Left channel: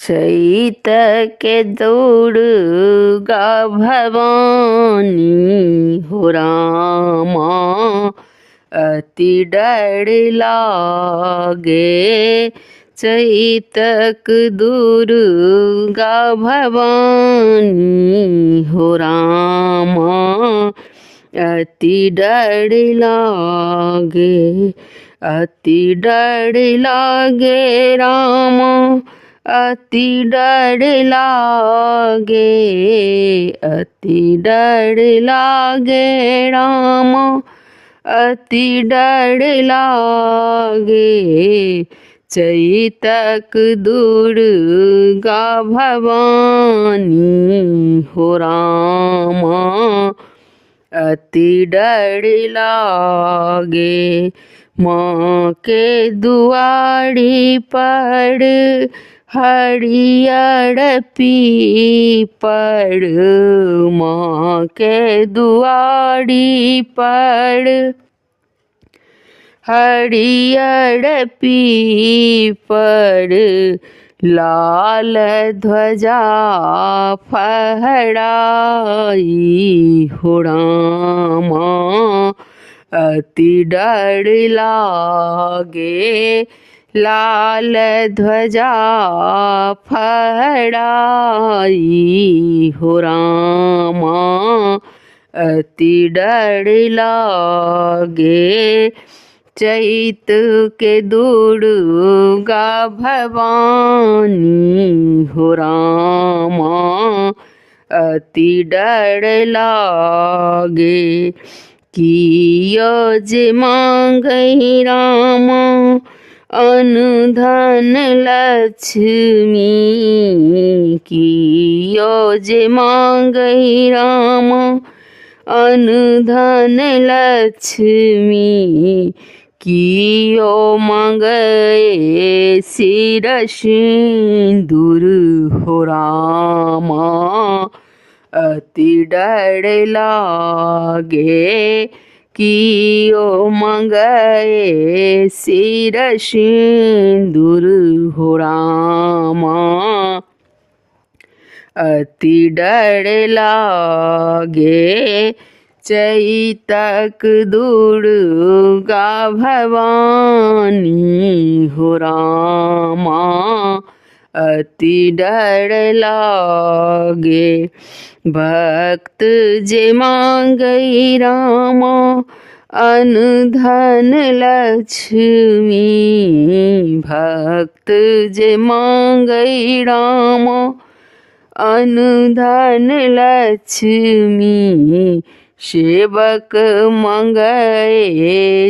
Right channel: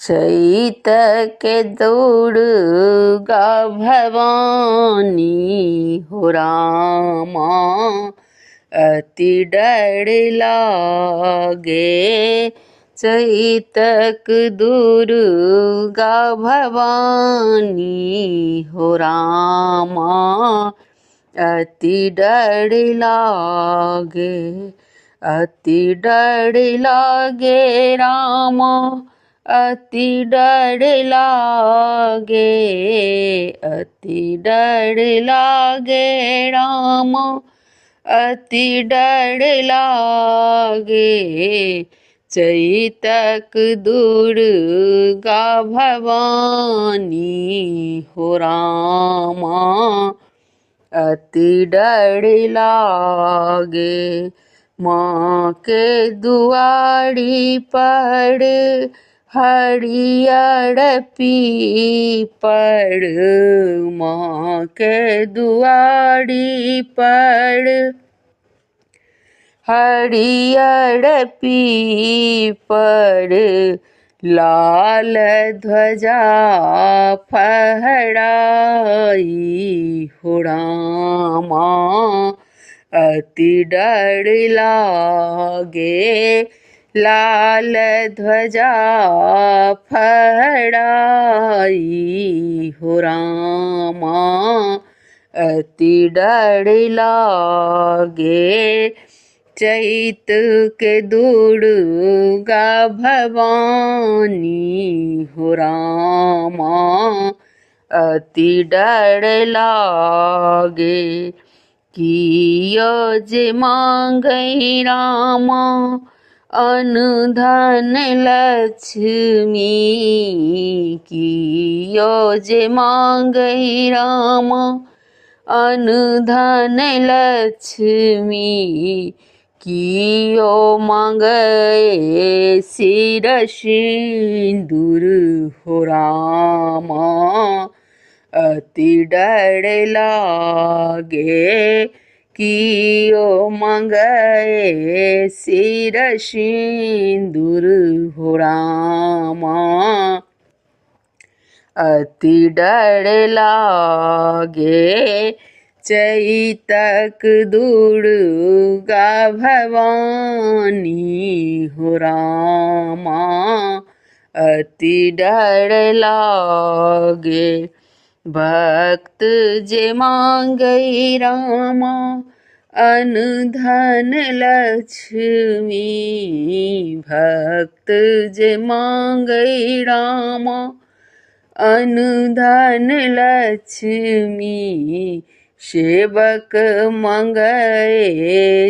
चैत के दुर्गा भवानी हो रामा अति डर लागे। चैतक दुर्गा भवानी हो रामा अति डर लागे। अति डर लागे रामा अति डर लागे। अति डर लागे रामा अति डर लागे। चैतक दुर्गा भवानी हो रामा अति डर लागे। माँ के दुआरी पर हरियर पीपड़। माँ के दुआरी पर हरियर पीपड़। लाल ध्वजा फहराई हो रामा अति डर लागे। लाल ध्वजा फहराई हो रामा अति डर लागे। चैत के दुर्गा भवानी हो रामा अति डर लागे। कियो जे मांगै रामा अन्न धन लक्ष्मी। कियो जे मांगै रामा अन्न धन लक्ष्मी। कियो मांगै सिर सिंदूर हो रामा अति डर लागे। कियो मांगै सिर सिंदूर हो रामा अति डर लागे। चैतक दुर्गा भवानी हो रामा अति डर लागे। भक्त जे मांगै रामा अन्न धन लक्ष्मी। भक्त जे मांगै रामा अन्न धन लक्ष्मी। सेवक मांगै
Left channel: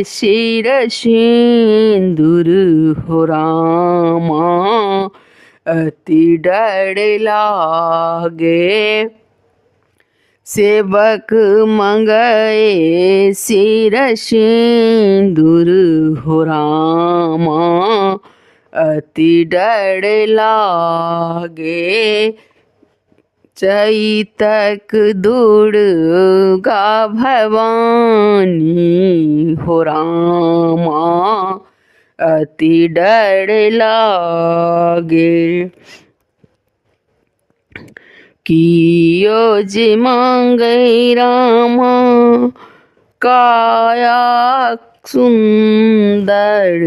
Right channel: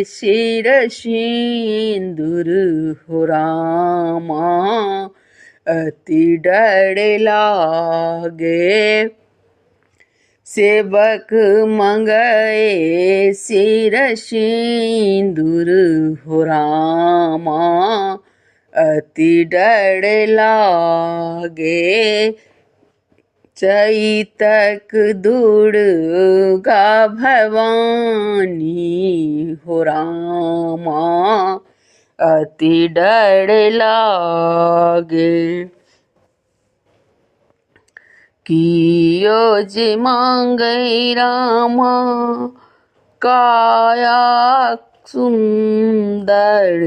सिर सिंदूर हो रामा अति डर लागे। सेवक मांगै सिर सिंदूर हो रामा अति डर लागे। चैतक दुर्गा भवानी हो रामा अति डर लागे। कियो जे मांगै रामा काया सुंदर।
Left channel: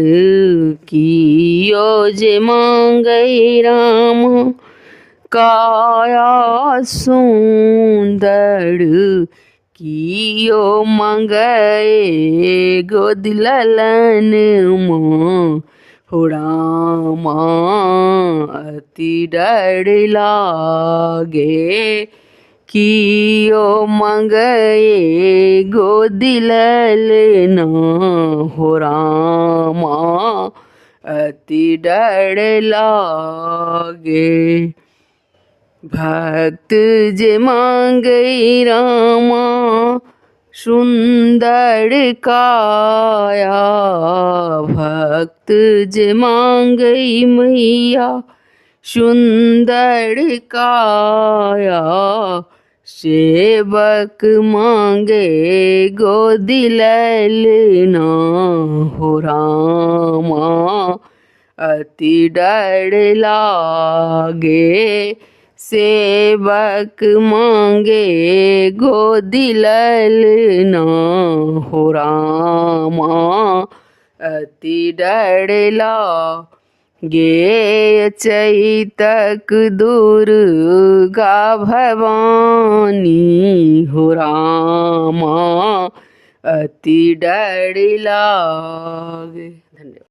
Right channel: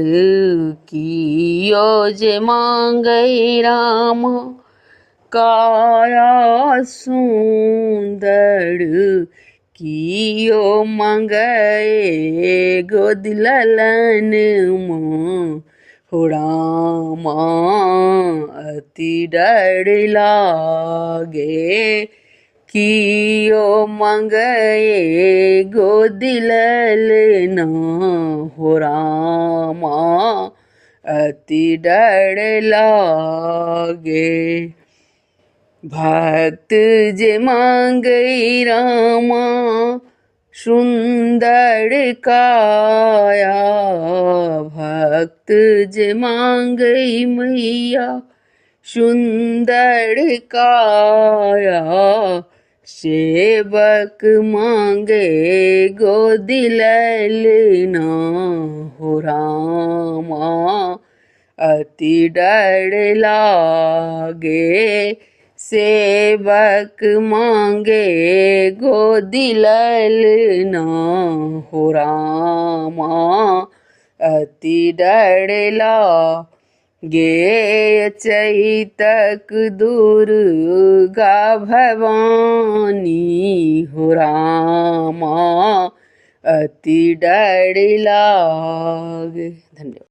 कियो जे मांगै रामा काया सुंदर। कियो मांगै गोद ललन माँ हो रामा अति डर लागे। कियो मांगै गोद ललना हो रामा अति डर लागे। भक्त जे मांगै रामा सुंदर काया। भक्त जे मांगै मैया सुंदर काया। सेवक मांगे गोद ललना हो रामा अति डर लागे। सेवक मांगे गोदी ललना हो रामा। अति डर लागे चैतक दुर्गा भवानी हो रामा। अति डर लागे। धन्यवाद।